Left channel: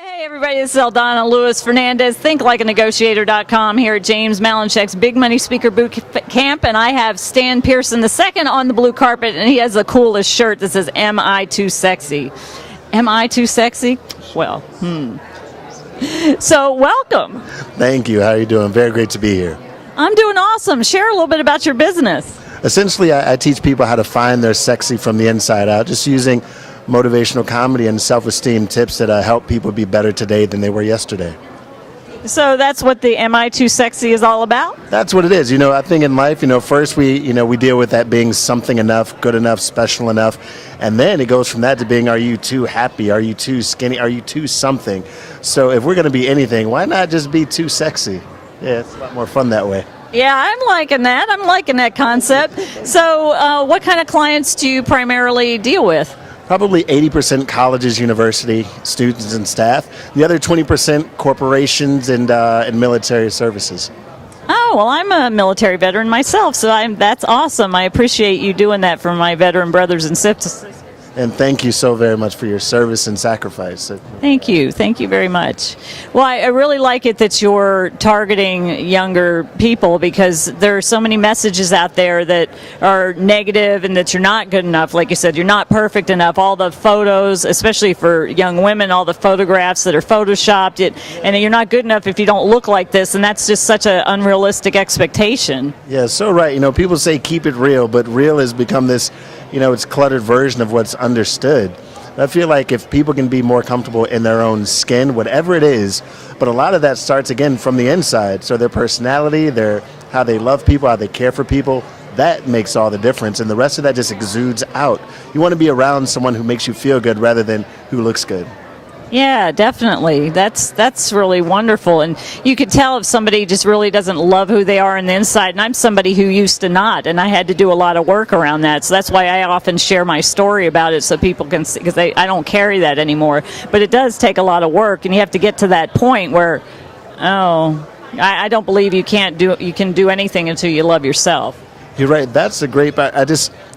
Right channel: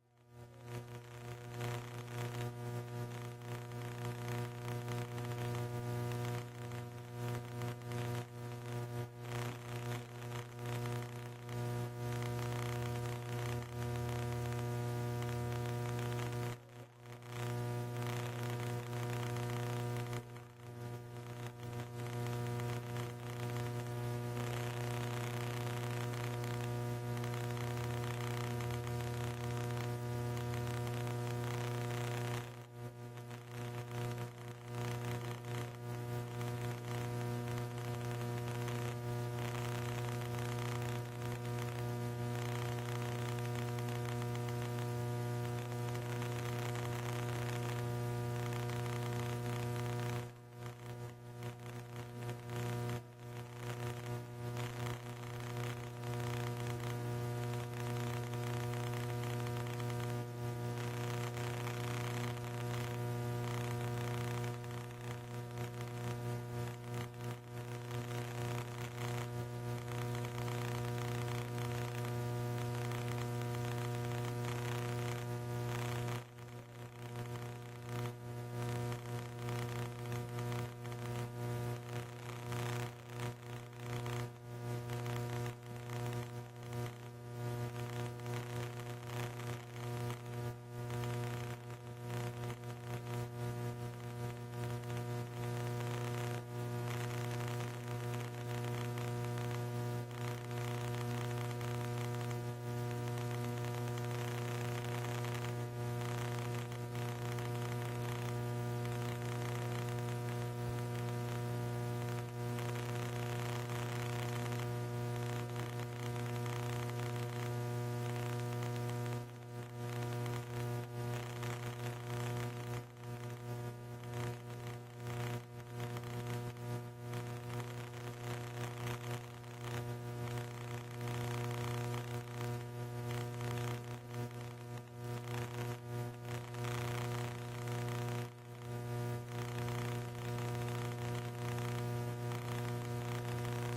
Hey everybody, this is Eldana Lewis Fernandez, thinklikeanegotiator.com here at James Malinchek's Big Money Speaker Boot Camp, and I have Stan Pearson II on the blue carpet, and he has the coolest shirt that says, "Am I too sexy?" Am I too sexy? Well, So, welcome. Thank you. How are you doing? Very great to be here. I'm doing awesome. Share a little bit about your business. Essentially, I teach people how to find their sexy from the inside out, just using motivational comedy and self-esteem tips that help people be better today than they were yesterday. So that's what the Am I Too Sexy is all about? That's what it is. I think in life, first we deal with that being something enough, good enough, special enough, and then it goes from that to being, are you too happy? Are you too skinny? Are you too something? So if we're going to be anything, why not just be too sexy? Yeah, it's a lot more fun that way. Yeah, I'm liking that. I'm liking that concept. So what kind of clients do you primarily deal with? Probably 80% colleges, university students and staff. The other 20% corporations and military services. Oh, well, I'm a military veteran myself, so that's awesome. I appreciate you doing that for my veteran brothers and sisters. And thank you so very much for your service and sacrifice. Thank you. Thank you very much. Well, I really like it that you're targeting younger people, because there are so many messages out there that are negative and that you're not good enough. Like you said, you're not perfect enough. All the photos, especially for young women, all the photographs that are photoshopped, and you're not good enough if you don't look like this, and that's just such an unrealistic expectation. Yeah, so right. People say keep it real, but real has become this it's cluttered version of what's understood. I feel like if people can be more comfortable in their own skin, whatever it is, but a lot of that starts again from the inside. So their personality, how they love people, how they care for people, that makes all the difference. And the rest of that just exudes out. You want to be around someone who makes you feel good rather than who looks good. Yeah, definitely. That's really wonderful. And you could tell if somebody just really doesn't love who they are on the inside. And I'm somebody who used to not, and I had to do a lot of work around that. So that's why I often share my story about it so people can see, because I don't carry that anymore. But it does take a lot of work, and you have to get to that point where, I don't believe you can do anything until you love yourself. You're right. That's a great part.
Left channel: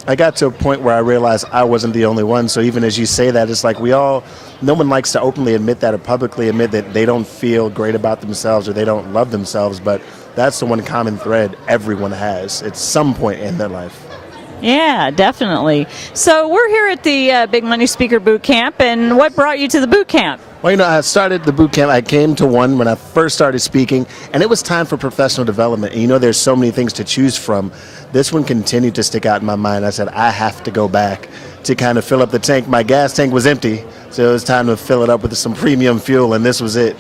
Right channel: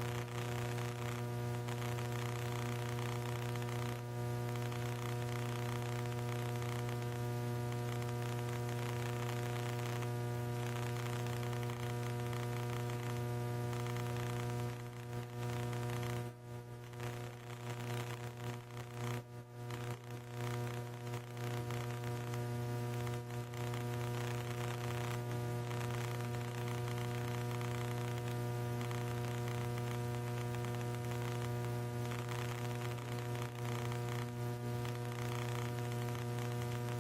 I got to a point where I realized I wasn't the only one. So even as you say that, it's like no one likes to openly admit that or publicly admit that they don't feel great about themselves or they don't love themselves, but that's the one common thread everyone has at some point in their life. Yeah, definitely. So we're here at the Big Money Speaker Boot Camp, and what brought you to the boot camp? Well, I started the boot camp. I came to one when I first started speaking, and it was time for professional development. And there's so many things to choose from. This one continued to stick out in my mind. I said, I have to go back to kind of fill up the tank. My gas tank was empty, so it was time to fill it up with some premium fuel, and this was it.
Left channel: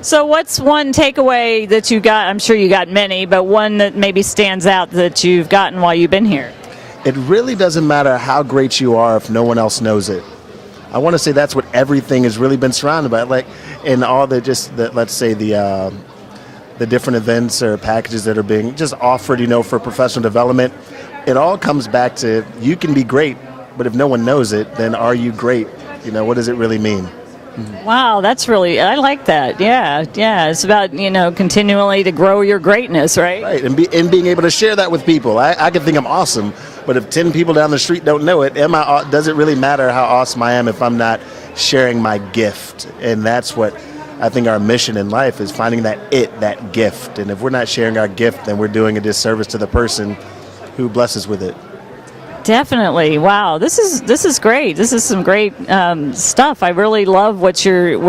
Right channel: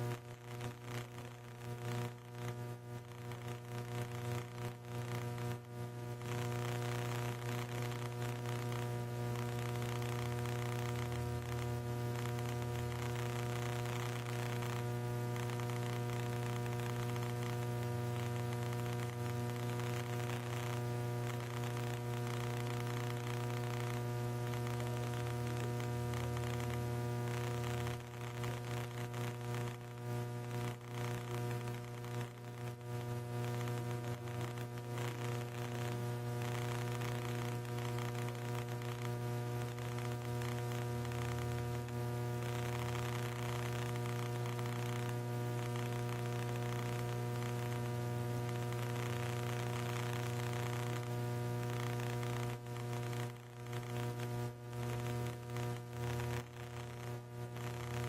So what's one takeaway that you got? I'm sure you got many, but one that maybe stands out that you've gotten while you've been here? It really doesn't matter how great you are if no one else knows it. I want to say that's what everything has really been surrounded by. Like in all let's say the different events or packages that are being just offered, for professional development, it all comes back to you can be great, but if no one knows it, then are you great? What does it really mean? Wow, I like that. Yeah. It's about, continually to grow your greatness, right? Right, and being able to share that with people. I can think I'm awesome, but if 10 people down the street don't know it, does it really matter how awesome I am if I'm not sharing my gift? And that's what I think our mission in life is, finding that gift. And if we're not sharing our gift, then we're doing a disservice to the person who blesses with it. Definitely. Wow. This is great. This is some great stuff. I really love what you're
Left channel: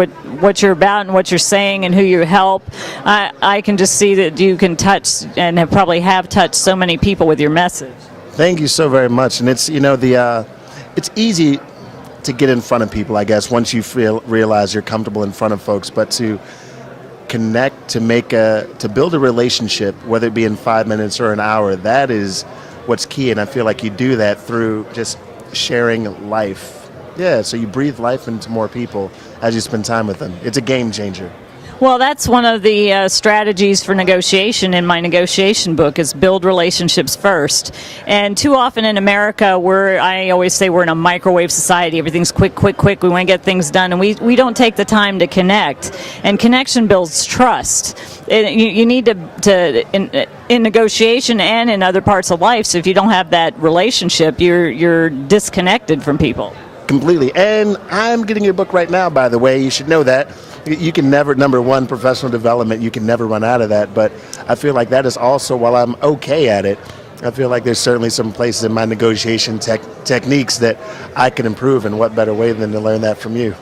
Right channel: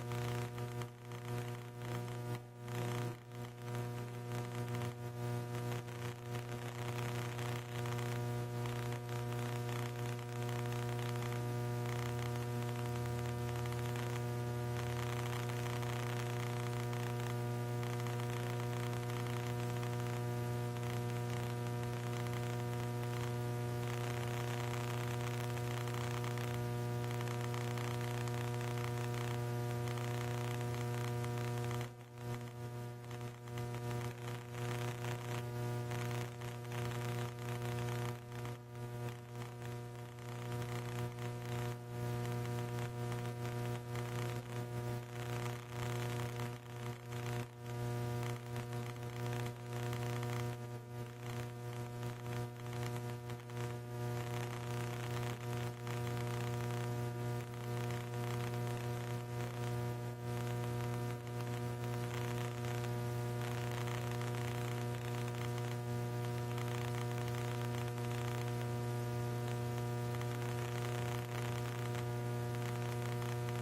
about and what you're saying and who you help. I can just see that you can touch and probably have touched so many people with your message. Thank you so very much. And it's it's easy to get in front of people, I guess, once you realize you're comfortable in front of folks, but to connect, to build a relationship, whether it be in 5 minutes or an hour, that is what's key. And I feel like you do that through just sharing life. Yeah, so you breathe life into more people as you spend time with them. It's a game changer. Well, that's one of the strategies for negotiation in my negotiation book, is build relationships first. And too often in America, I always say we're in a microwave society. Everything's quick. We want to get things done, and we don't take the time to connect. And connection builds trust. You need to in negotiation and in other parts of life. So if you don't have that relationship, you're disconnected from people. Completely. And I'm getting your book right now, by the way. You should know that. You can never, number one, professional development, you can never run out of that. But I feel like that is also, while I'm okay at it, I feel like there's certainly some places in my negotiation techniques that I can improve, and what better way than to learn that from you.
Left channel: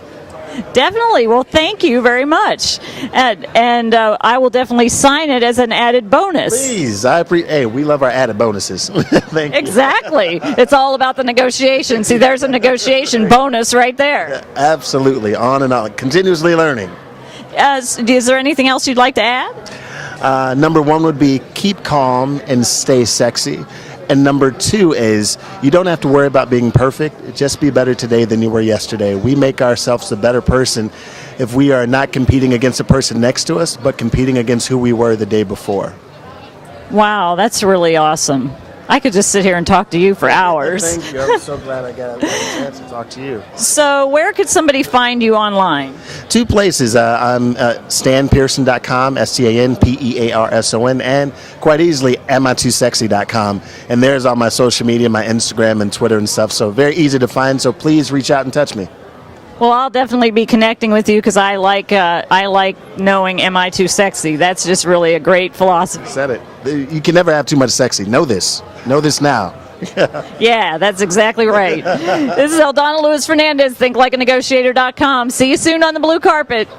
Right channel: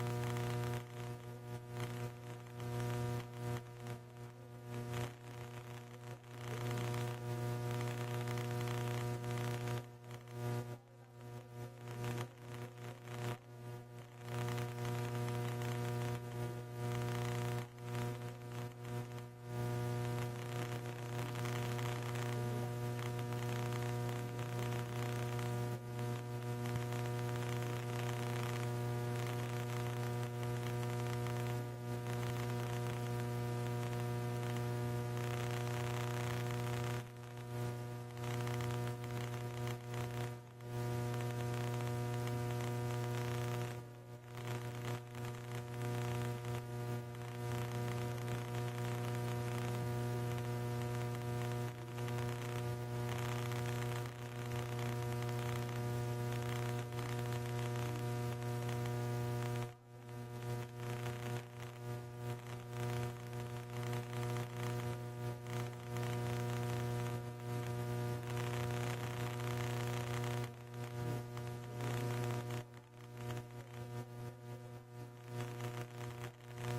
Definitely. Well, thank you very much. And I will definitely sign it as an added bonus. Please. Hey, we love our added bonuses. Thank you. Exactly. It's all about the negotiation. See, there's a negotiation bonus right there. Absolutely. On and on. Continuously learning. Is there anything else you'd like to add? Number one would be keep calm and stay sexy. And number two is you don't have to worry about being perfect. Just be better today than you were yesterday. We make ourselves a better person if we are not competing against the person next to us, but competing against who we were the day before. Wow, that's really awesome. I could just sit here and talk to you for hours. Thank you. I'm so glad I got a chance to talk to you. So where could somebody find you online? 2 places. I'm stanpearson.com, STANPEARSON, and quite easily mi2sexy.com. And there's all my social media, my Instagram and Twitter and stuff. So very easy to find. So please reach out and touch me. Well, I'll definitely be connecting with you because I like knowing Am I Too Sexy? That's just really a great philosophy. Said it. You can never have too much sexy. Know this. Know this now. Yeah, that's exactly right. This is Eldana Lewis Fernandez, thinklikeanegotiator.com. See you soon on the blue carpet.